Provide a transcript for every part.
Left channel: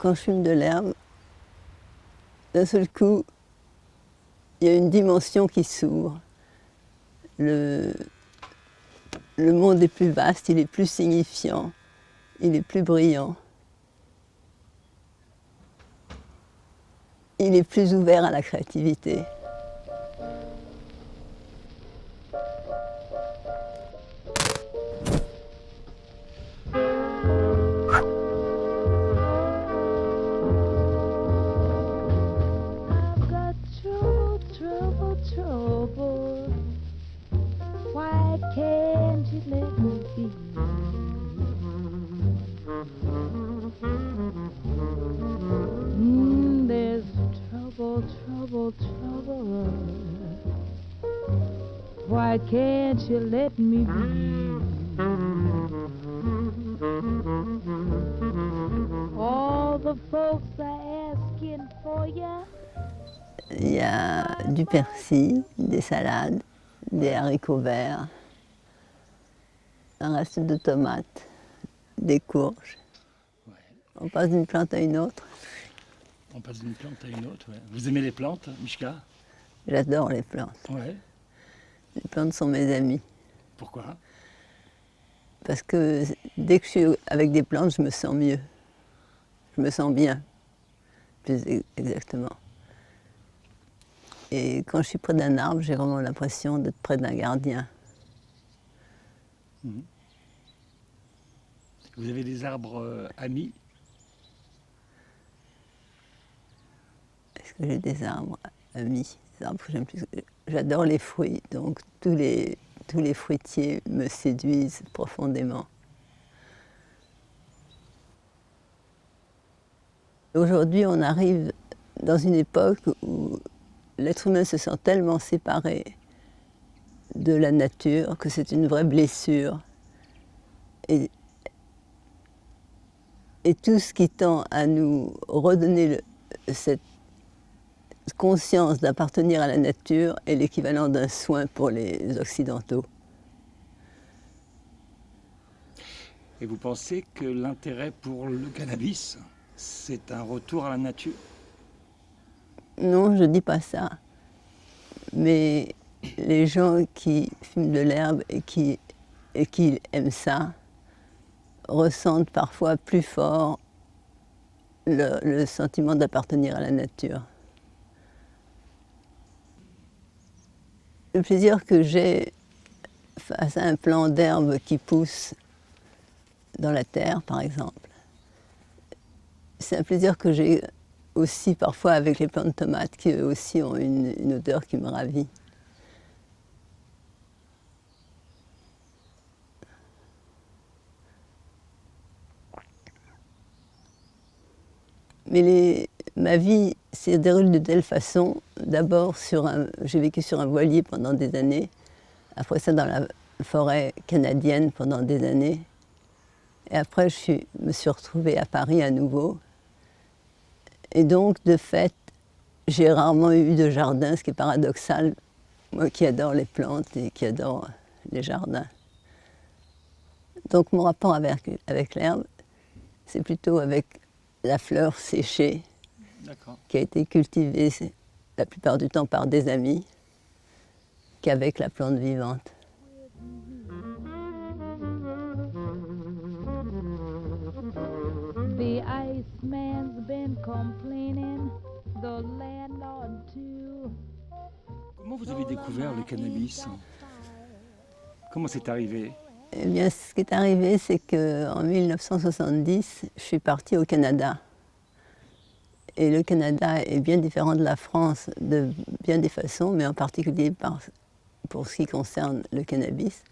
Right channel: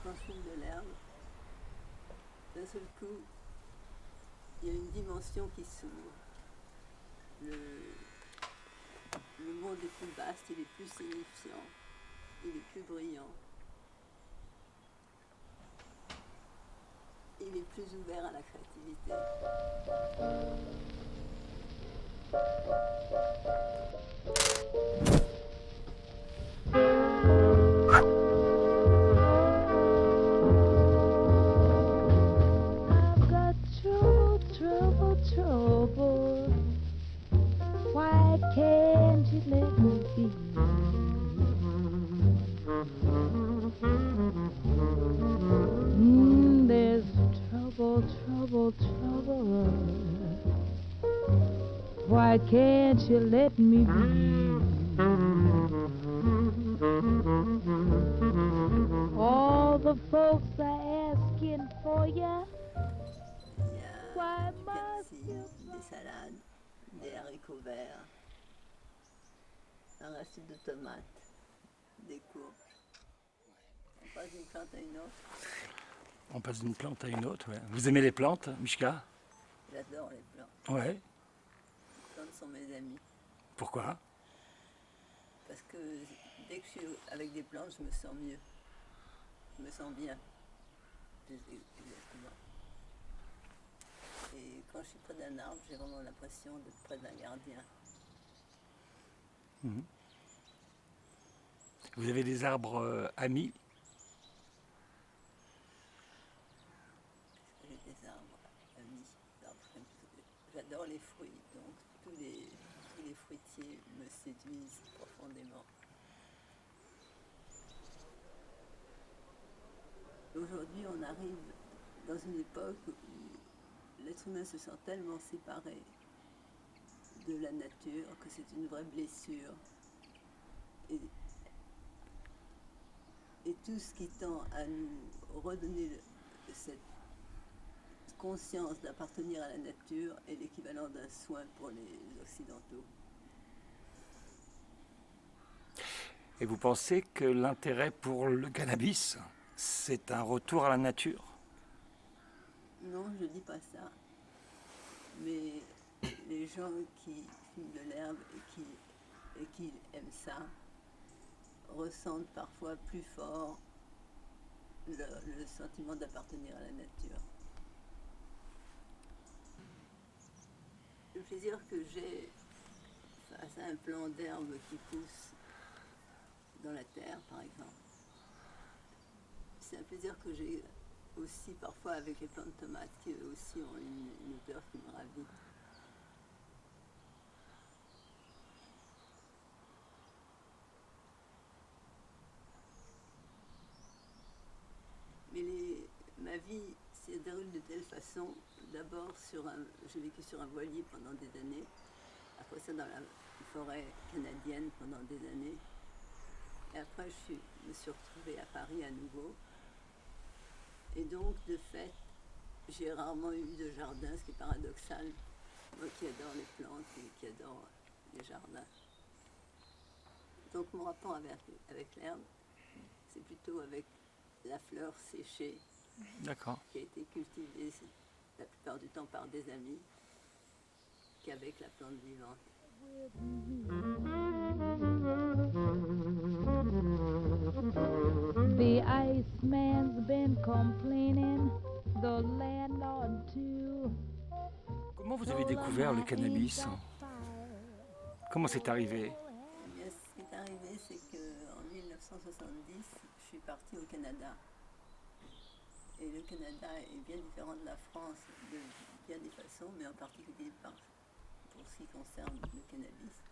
Quand je fume de l'herbe, d'un seul coup, il y a une dimension qui s'ouvre. Le, le monde est plus vaste, il est plus signifiant, il est plus brillant. Il est plus ouvert à la créativité. I've got trouble, trouble, trouble. Why can't you let me be? There's trouble, trouble, trouble. Why can't you let me be? All the folks are asking for ya. Il y a du persil, des salades, des haricots verts, un reste de tomates, des courges. On passe d'une plante à une autre. On passe d'une plante à une autre, ouais. Vous aimez les plantes, Mishka? J'adore les plantes. Ouais. Les plantes sont mes amies. Pourquoi? Parce que dès que je suis avec des plantes, je me sens mieux. Je me sens bien, plus exactement. Et quand je suis près d'un arbre, j'ai vraiment l'impression d'être près d'un gardien. Vous avez des arbres amis? Est-ce que j'ai des arbres amis? Des arbres que j'aime plus. J'adore les fruits, donc tous les fruitiers me séduisent profondément. Aujourd'hui, on arrive dans une époque où l'être humain se sent tellement séparé de la nature que c'est une vraie blessure. Et tout ce qui tend à nous redonner cette conscience d'appartenir à la nature est l'équivalent d'un soin pour les Occidentaux. Et vous pensez que l'intérêt pour le cannabis, c'est un retour à la nature? Non, je ne dis pas ça. Mais les gens qui fument de l'herbe et qui aiment ça ressentent parfois plus fort le sentiment d'appartenir à la nature. Le plaisir que j'ai face à un plant d'herbe qui pousse dans la terre, par exemple, c'est un plaisir que j'ai aussi parfois avec les plants de tomates qui eux aussi ont une odeur qui me ravit. Mais ma vie s'est déroulée de telle façon. D'abord, j'ai vécu sur un voilier pendant des années. Après ça, dans la forêt canadienne pendant des années. Et après, me suis retrouvée à Paris à nouveau. Et donc, de fait, j'ai rarement eu de jardin, ce qui est paradoxal. Moi qui adore les plantes et qui adore les jardins. Donc, mon rapport avec l'herbe, c'est plutôt avec la fleur séchée, qui a été cultivée la plupart du temps par des amis, qu'avec la plante vivante. The Iceman's been complaining, the landlord too. Comment vous avez découvert le cannabis? Comment c'est arrivé? Eh bien, ce qui est arrivé, c'est qu'en 1970, je suis partie au Canada. Et le Canada est bien différent de la France de bien des façons, mais en particulier pour ce qui concerne le cannabis.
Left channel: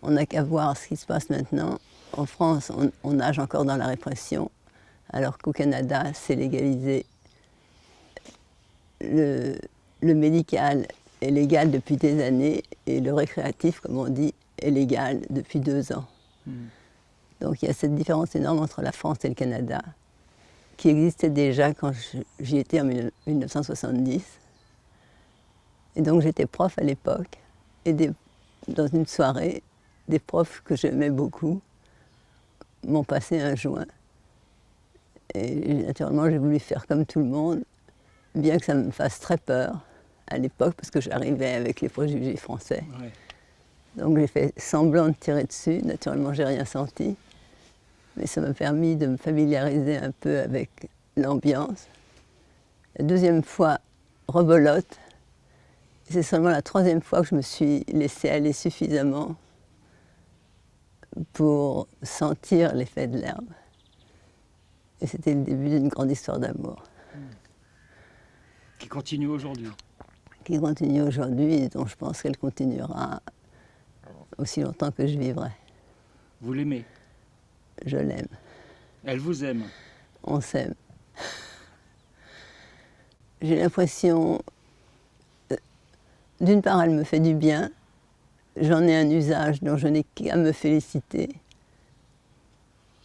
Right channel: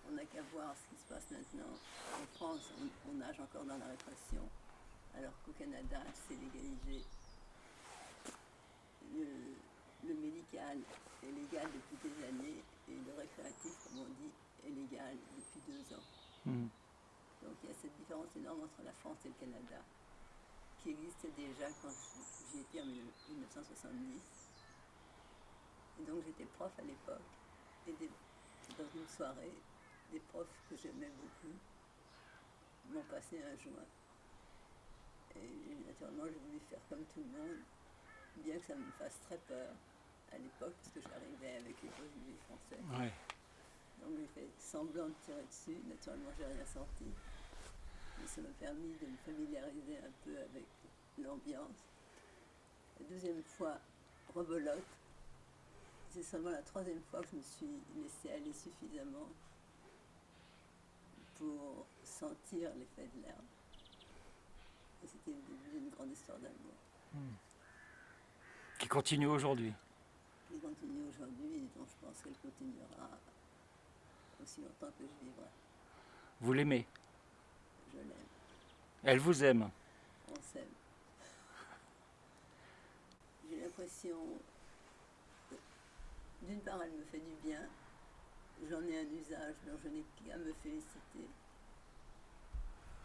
On n'a qu'à voir ce qui se passe maintenant. En France, on nage encore dans la répression, alors qu'au Canada, c'est légalisé. Le médical est légal depuis des années et le récréatif, comme on dit, est légal depuis 2 ans. Donc il y a cette différence énorme entre la France et le Canada, qui existait déjà quand j'y étais en 1970. Et donc j'étais prof à l'époque, et dans une soirée, des profs que j'aimais beaucoup m'ont passé un joint. Et naturellement, j'ai voulu faire comme tout le monde, bien que ça me fasse très peur à l'époque, parce que j'arrivais avec les préjugés français. Ouais. Donc j'ai fait semblant de tirer dessus. Naturellement, j'ai rien senti. Mais ça m'a permis de me familiariser un peu avec l'ambiance. La deuxième fois, rebelote. C'est seulement la troisième fois que je me suis laissée aller suffisamment pour sentir l'effet de l'herbe. Et c'était le début d'une grande histoire d'amour Qui continue aujourd'hui. qui continue aujourd'hui et dont je pense qu'elle continuera aussi longtemps que je vivrai. Vous l'aimez. Je l'aime, Elle vous aime. on s'aime. J'ai l'impression, d'une part, elle me fait du bien. J'en ai un usage dont je n'ai qu'à me féliciter.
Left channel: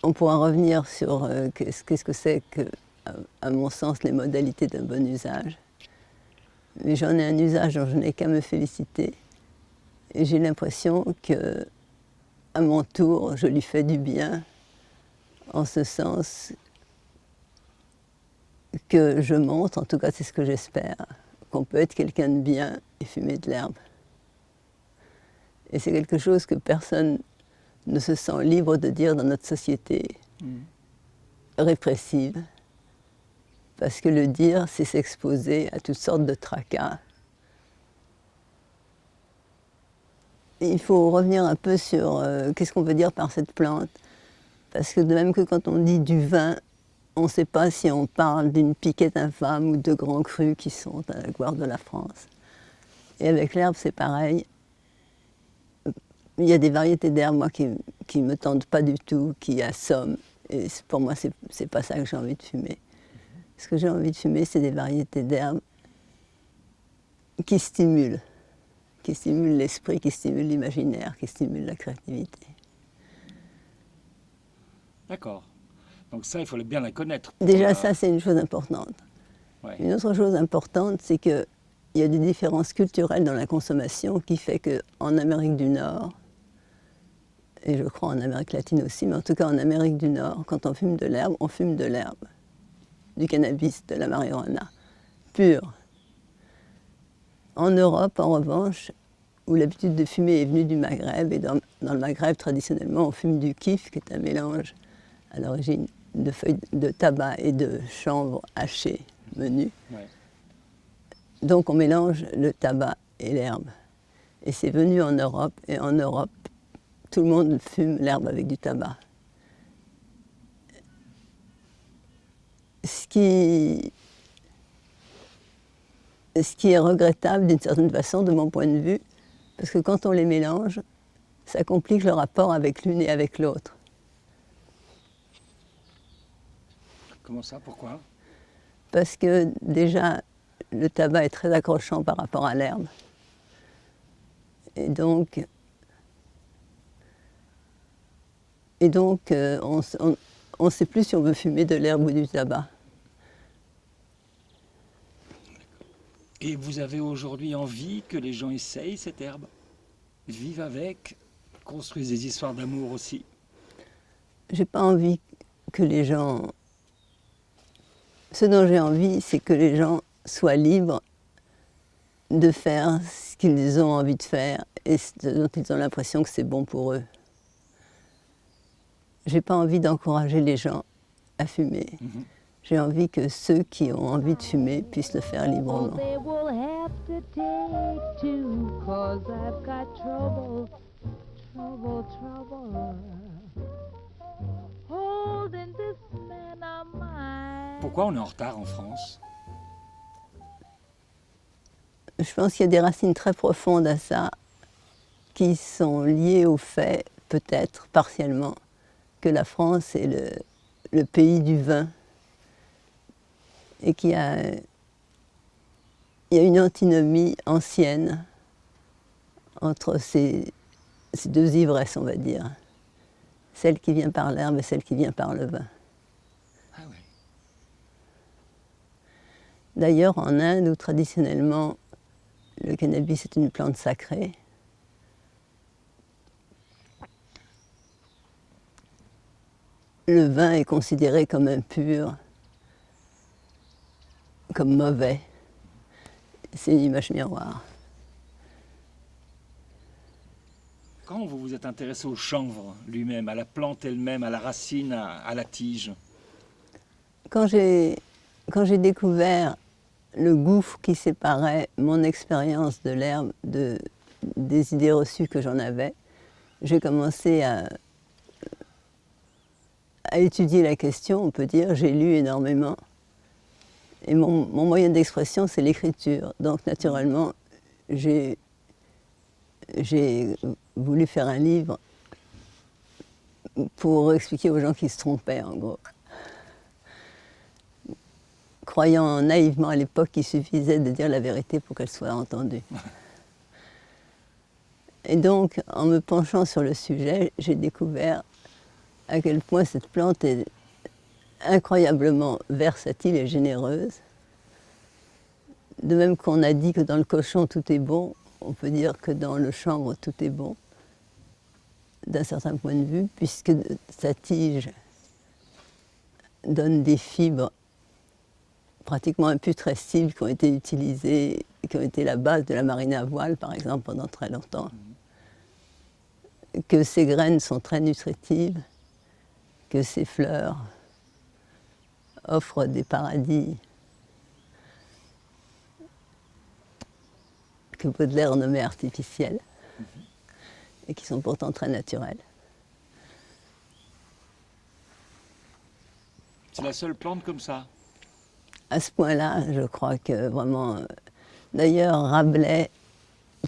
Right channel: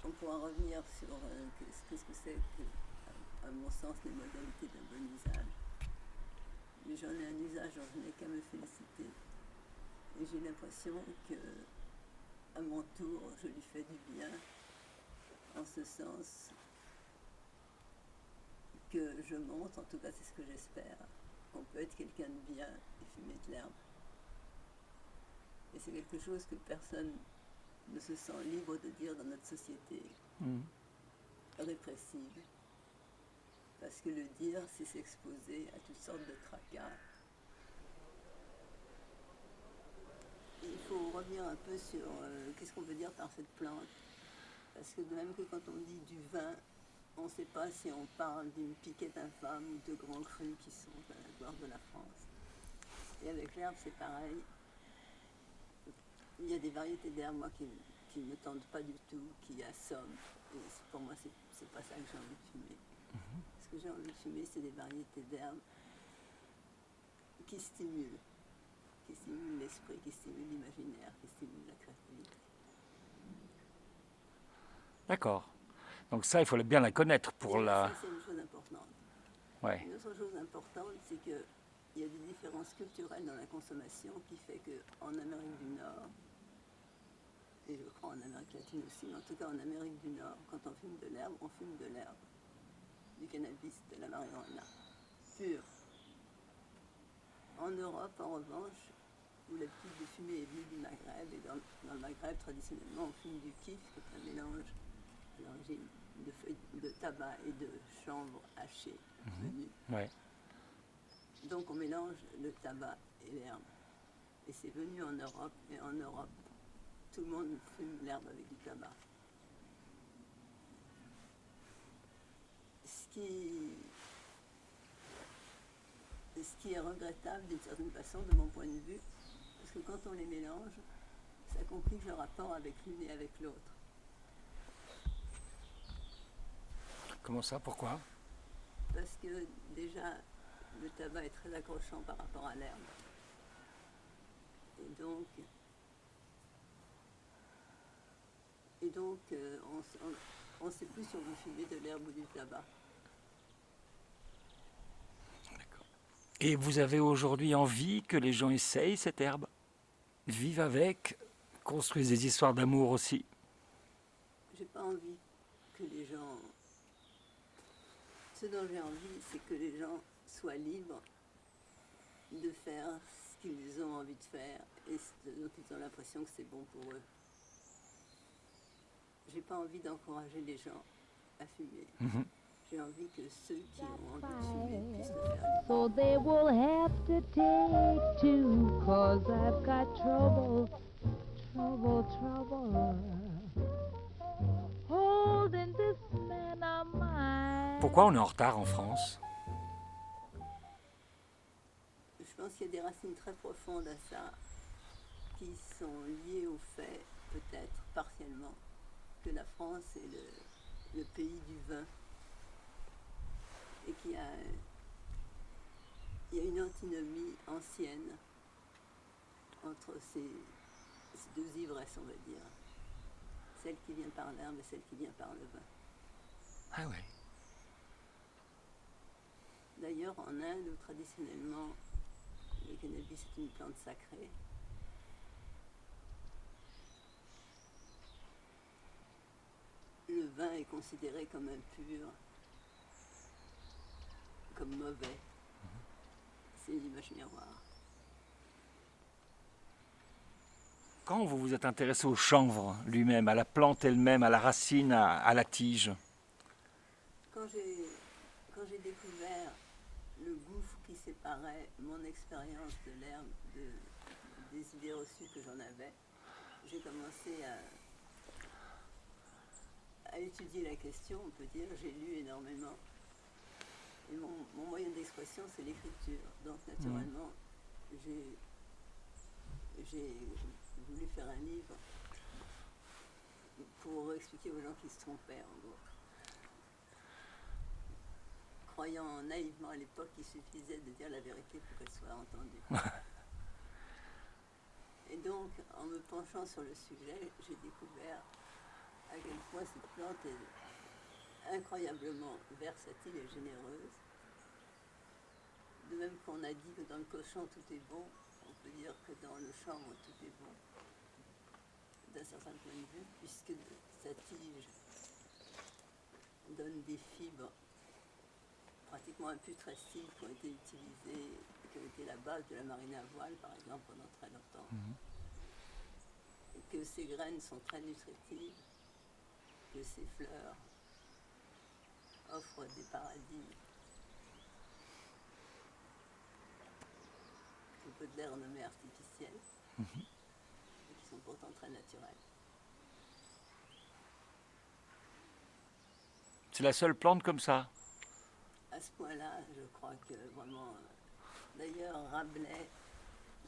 On pourra revenir sur qu'est-ce que c'est que, à mon sens, les modalités d'un bon usage. Mais j'en ai un usage dont je n'ai qu'à me féliciter. Et j'ai l'impression que, à mon tour, je lui fais du bien, en ce sens que je montre, en tout cas c'est ce que j'espère, qu'on peut être quelqu'un de bien et fumer de l'herbe. Et c'est quelque chose que personne ne se sent libre de dire dans notre société répressive. Parce que le dire, c'est s'exposer à toutes sortes de tracas. Et il faut revenir un peu sur qu'est-ce qu'on veut dire par cette plante. Parce que de même que quand on dit du vin, on ne sait pas si on parle d'une piquette infâme ou de grands crus qui sont à la gloire de la France. Et avec l'herbe, c'est pareil. Il y a des variétés d'herbes, moi, qui ne me tentent pas du tout, qui assomment. Et pour moi, c'est pas ça que j'ai envie de fumer. Ce que j'ai envie de fumer, c'est des variétés d'herbes qui stimulent l'esprit, qui stimulent l'imaginaire, qui stimulent la créativité. D'accord. Donc ça, il faut bien la connaître. Déjà, ça, c'est une chose importante. Ouais. Une autre chose importante, c'est qu'il y a des différences culturelles dans la consommation qui fait qu'en Amérique du Nord, et je crois en Amérique latine aussi, mais en tout cas en Amérique du Nord, quand on fume de l'herbe, on fume de l'herbe, du cannabis, de la marijuana, pure. En Europe, en revanche, où l'habitude de fumer est venue du Maghreb, et dans le Maghreb, traditionnellement, on fume du kif, qui est un mélange à l'origine de feuilles de tabac et de chanvre hachées menues. Ouais. Donc on mélange le tabac et l'herbe. Et c'est venu en Europe, et en Europe, tout le monde fume l'herbe avec du tabac. Ce qui est regrettable d'une certaine façon, de mon point de vue, parce que quand on les mélange, ça complique le rapport avec l'une et avec l'autre. Comment ça? Pourquoi? Parce que déjà, le tabac est très accrochant par rapport à l'herbe. Et donc on ne sait plus si on veut fumer de l'herbe ou du tabac. Et vous avez aujourd'hui envie que les gens essayent cette herbe, vivent avec, construisent des histoires d'amour aussi? J'ai pas envie que les gens... Ce dont j'ai envie, c'est que les gens soient libres de faire ce qu'ils ont envie de faire et ce dont ils ont l'impression que c'est bon pour eux. J'ai pas envie d'encourager les gens à fumer. J'ai envie que ceux qui ont envie de fumer puissent le faire Oh, librement. they will have to take two, 'cause I've got trouble, holding this man of mine. Pourquoi on est en retard en France? Je pense qu'il y a des racines très profondes à ça qui sont liées au fait, peut-être partiellement, que la France est le pays du vin et qu'il y a une antinomie ancienne entre ces deux ivresses, on va dire. Celle qui vient par l'herbe et celle qui vient par le vin. Ah ouais. D'ailleurs, en Inde, où traditionnellement le cannabis est une plante sacrée, le vin est considéré comme impur, comme mauvais. C'est une image miroir. Quand vous vous êtes intéressé au chanvre lui-même, à la plante elle-même, à la racine, à la tige, Quand j'ai découvert le gouffre qui séparait mon expérience de l'herbe des idées reçues que j'en avais, j'ai commencé à étudier la question, on peut dire. J'ai lu énormément. Et mon moyen d'expression, c'est l'écriture. Donc naturellement, j'ai voulu faire un livre pour expliquer aux gens qui se trompaient, en gros. Croyant naïvement à l'époque qu'il suffisait de dire la vérité pour qu'elle soit entendue. Et donc, en me penchant sur le sujet, j'ai découvert à quel point cette plante est incroyablement versatile et généreuse. De même qu'on a dit que dans le cochon tout est bon, on peut dire que dans le chanvre tout est bon, d'un certain point de vue, puisque sa tige donne des fibres pratiquement imputrescibles qui ont été utilisées, qui ont été la base de la marine à voile, par exemple, pendant très longtemps. Que ses graines sont très nutritives, que ses fleurs offrent des paradis que Baudelaire nommait artificiels et qui sont pourtant très naturels. c'est la seule plante comme ça. À ce point-là, je crois que vraiment... D'ailleurs, Rabelais,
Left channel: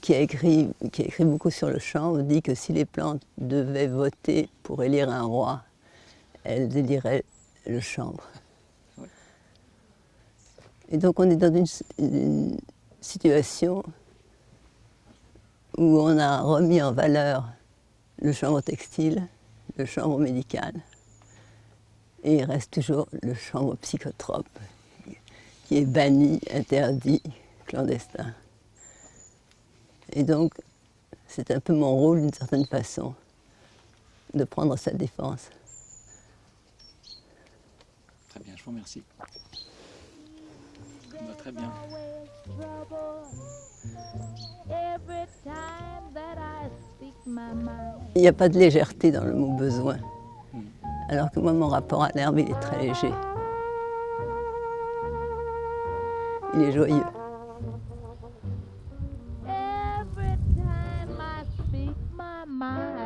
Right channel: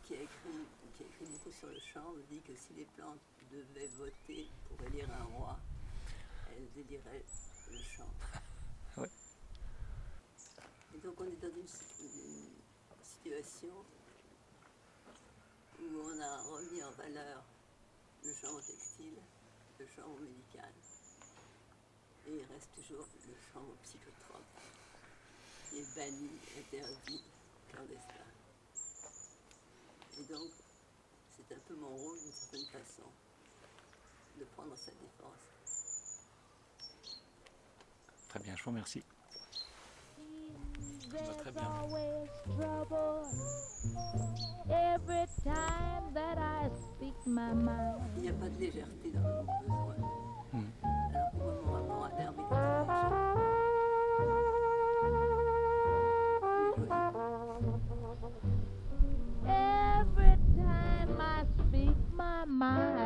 qui a écrit beaucoup sur le chanvre, dit que si les plantes devaient voter pour élire un roi, elles éliraient le chanvre. Oui. Et donc on est dans une situation où on a remis en valeur le chanvre textile, le chanvre médical, et il reste toujours le chanvre psychotrope, qui est banni, interdit, clandestin. Et donc, c'est un peu mon rôle, d'une certaine façon, de prendre sa défense. Très bien, je vous remercie. Très There's bien. always trouble every time that I speak my mind. Il n'y a pas de légèreté dans le mot besoin, alors que moi, mon rapport à l'herbe, il est très léger. Il est joyeux. Every time I speak my mind.